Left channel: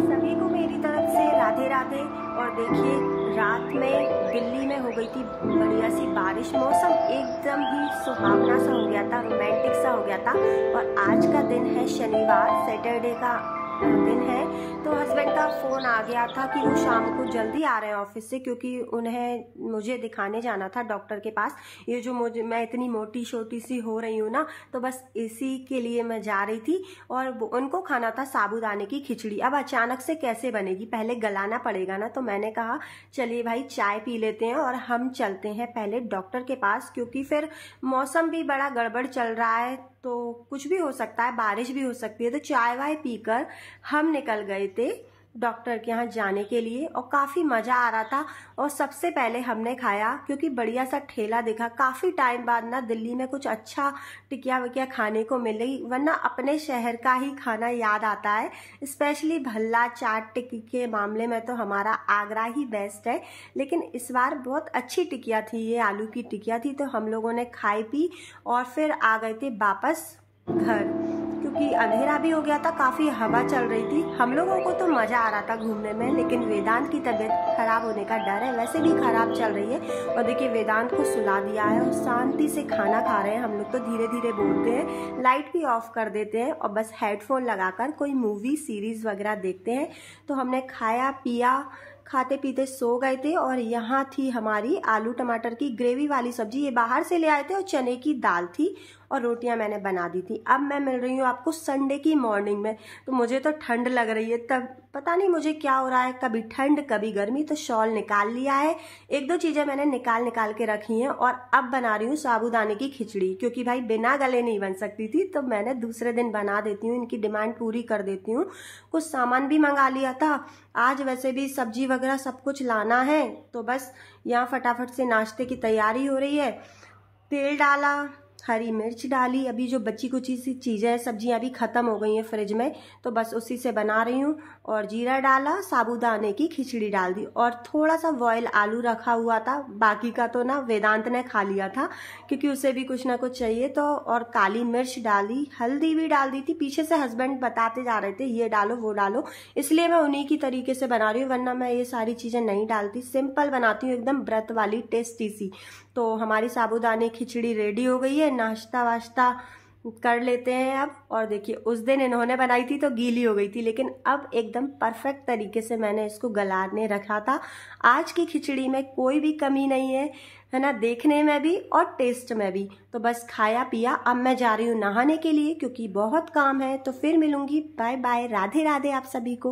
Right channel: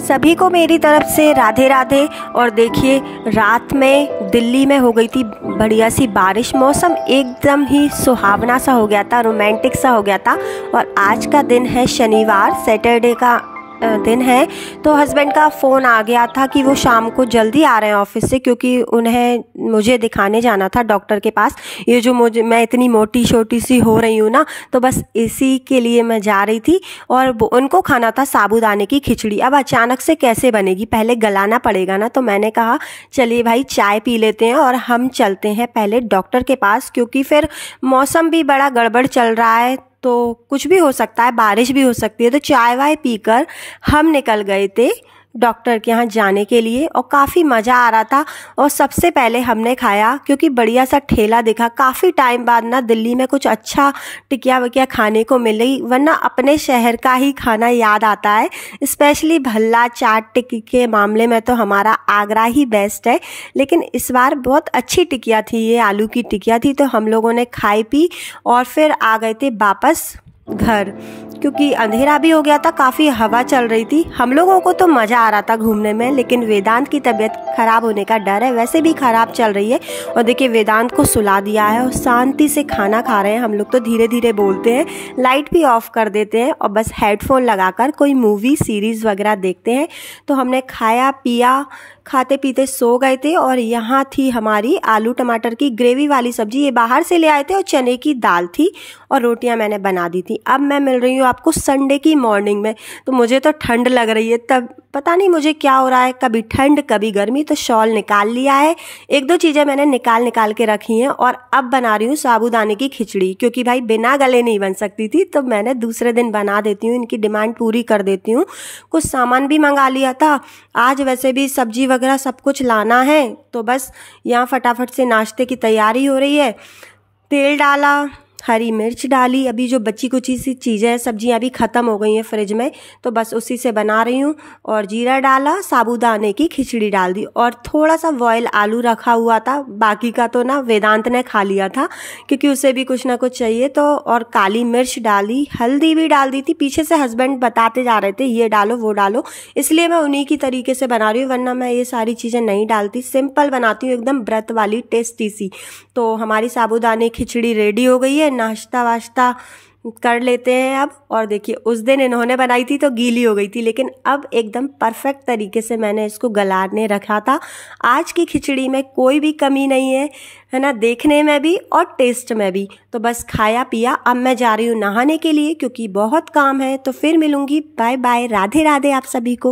सभी को मेरी तरफ से राधे राधे। और देखिए, रात में दिल्ली में हो गई थी बढ़िया सी बारिश, मौसम एकदम ही सुहावना सा हो गया था, रोमांटिक सा हो गया था। और आज का दिन है शनिवार, सैटरडे का दिन है। तो हस्बैंड का फ़ोन आ गया था कि वो शाम को जल्दी आ रहे हैं ऑफिस से, क्योंकि उन्हें मुझे दिखाने जाना था डॉक्टर के पास। ये जो मैं इतनी मोटी छोटी सी हो रही हूँ ना, तो बस इसी के लिए मैं जा रही थी। और उनको खाना था साबूदाने की खिचड़ी। अब अचानक से कैसे बनेगी, पहले गलाना पड़ेगा ना। तो मैंने कहा चलिए भाई चाय पी लेते हैं और हम चलते हैं पहले डॉक्टर के पास, क्योंकि फिर मौसम भी बड़ा गड़बड़ चल रहा है, तो कुछ भी हो सकता है, बारिश भी हो सकती है। तो चाय वाय पीकर हम निकल गए थे डॉक्टर के यहाँ जाने के लिए। और काफ़ी मज़ा आ रहा था। और सबसे पहले हमने खाया, क्योंकि बढ़िया सा ठेला दिखा। काफ़ी टाइम बाद ना दिल्ली में कुछ अच्छा टिकिया विकिया खाने को मिली, वरना अपने शहर का ही खाना याद आता है। स्पेशली भल्ला चाट टिक्की के मामले में तो हमारा आगरा ही बेस्ट है। लेकिन इस बार बहुत अच्छी टिकिया थी, ये आलू की टिकिया थी। तो हम लोगों ने खाई पी और फिर आ गए थे वापस घर, क्योंकि अंधेरा भी हो गया था, काफ़ी हवा चल रही थी। हम लोगों को तो मज़ा आ रहा था घूमने में, लेकिन वेदांत की तबीयत ख़राब होने का डर है। वैसे भी ख़राब चल रही है। और देखिए, वेदांत को सुला दिया है और शांति से खाना खा रहे हैं। हम लोग तो धीरे धीरे बोलते हैं, लाइट भी ऑफ कर देते हैं और बस हेडफोन लगाकर कोई मूवी सीरीज़ वगैरह देखते हैं। तो हमने खाया पिया, खाते पीते सो गए थे। और यहाँ थी हमारी आलू टमाटर की ग्रेवी वाली सब्जी, ये बाहर से ले आए थे। और चने की दाल थी और रोटियां मैंने बना दी थी। अब मैं मिल रही हूँ आपको संडे की मॉर्निंग में। तो मुझे तो ठंड लग रही है, तब पता नहीं मुझे क्या हो रहा है, कभी ठंड कभी गर्मी। तो शॉल निकाल लिया है, एक दो चीज़ें मैंने निकाल के रखी हैं। और अब बना रही हूँ साबूदाने की खिचड़ी, क्योंकि भाई बिना गले नहीं बन सकती थी, तो मैंने दूसरे दिन बना देती हूँ, इनकी डिमांड पूरी कर देती हूँ। कुछ सामान भी मंगा लिया था आज, वैसे भी सब्जी वगैरह सब कुछ लाना है। तो बस यहाँ फटाफट से नाश्ते की तैयारी हो रही है। तेल डाला, हरी मिर्च डाली, अभी जो बची कुची सी चीज़ें हैं, सब्जियाँ अभी ख़त्म हो गई हैं फ्रिज में, तो बस उसी से बना रही हूँ। और जीरा डाला, साबूदाने की खिचड़ी डाल दी। और थोड़ा सा बॉयल आलू रखा हुआ था, बाकी का तो ना वेदांत ने खा लिया था, क्योंकि उसे भी कुछ ना कुछ चाहिए। तो और काली मिर्च डाली, हल्दी भी डाल दी थी। पीछे से हस्बैंड बताते जा रहे थे ये डालो वो डालो, इसलिए मैं उन्हीं की तरीके से बना रही हूँ, वरना मैं ये सारी चीज़ें नहीं डालती, सिंपल बनाती हूँ, एकदम व्रत वाली टेस्टी सी। तो हमारी साबूदाने खिचड़ी रेडी हो गई है, नाश्ता वाश्ता कर लेते हैं अब। और देखिए, उस दिन इन्होंने बनाई थी तो गीली हो गई थी, लेकिन अब एकदम परफेक्ट तरीके से मैंने इसको गलाने रखा था। आज की खिचड़ी में कोई भी कमी नहीं है ना, देखने में भी और टेस्ट में भी। तो बस खाया पिया, अब मैं जा रही हूँ नहाने के लिए, क्योंकि बहुत काम है। तो फिर मिलूंगी, बाय बाय, राधे राधे आप सभी को।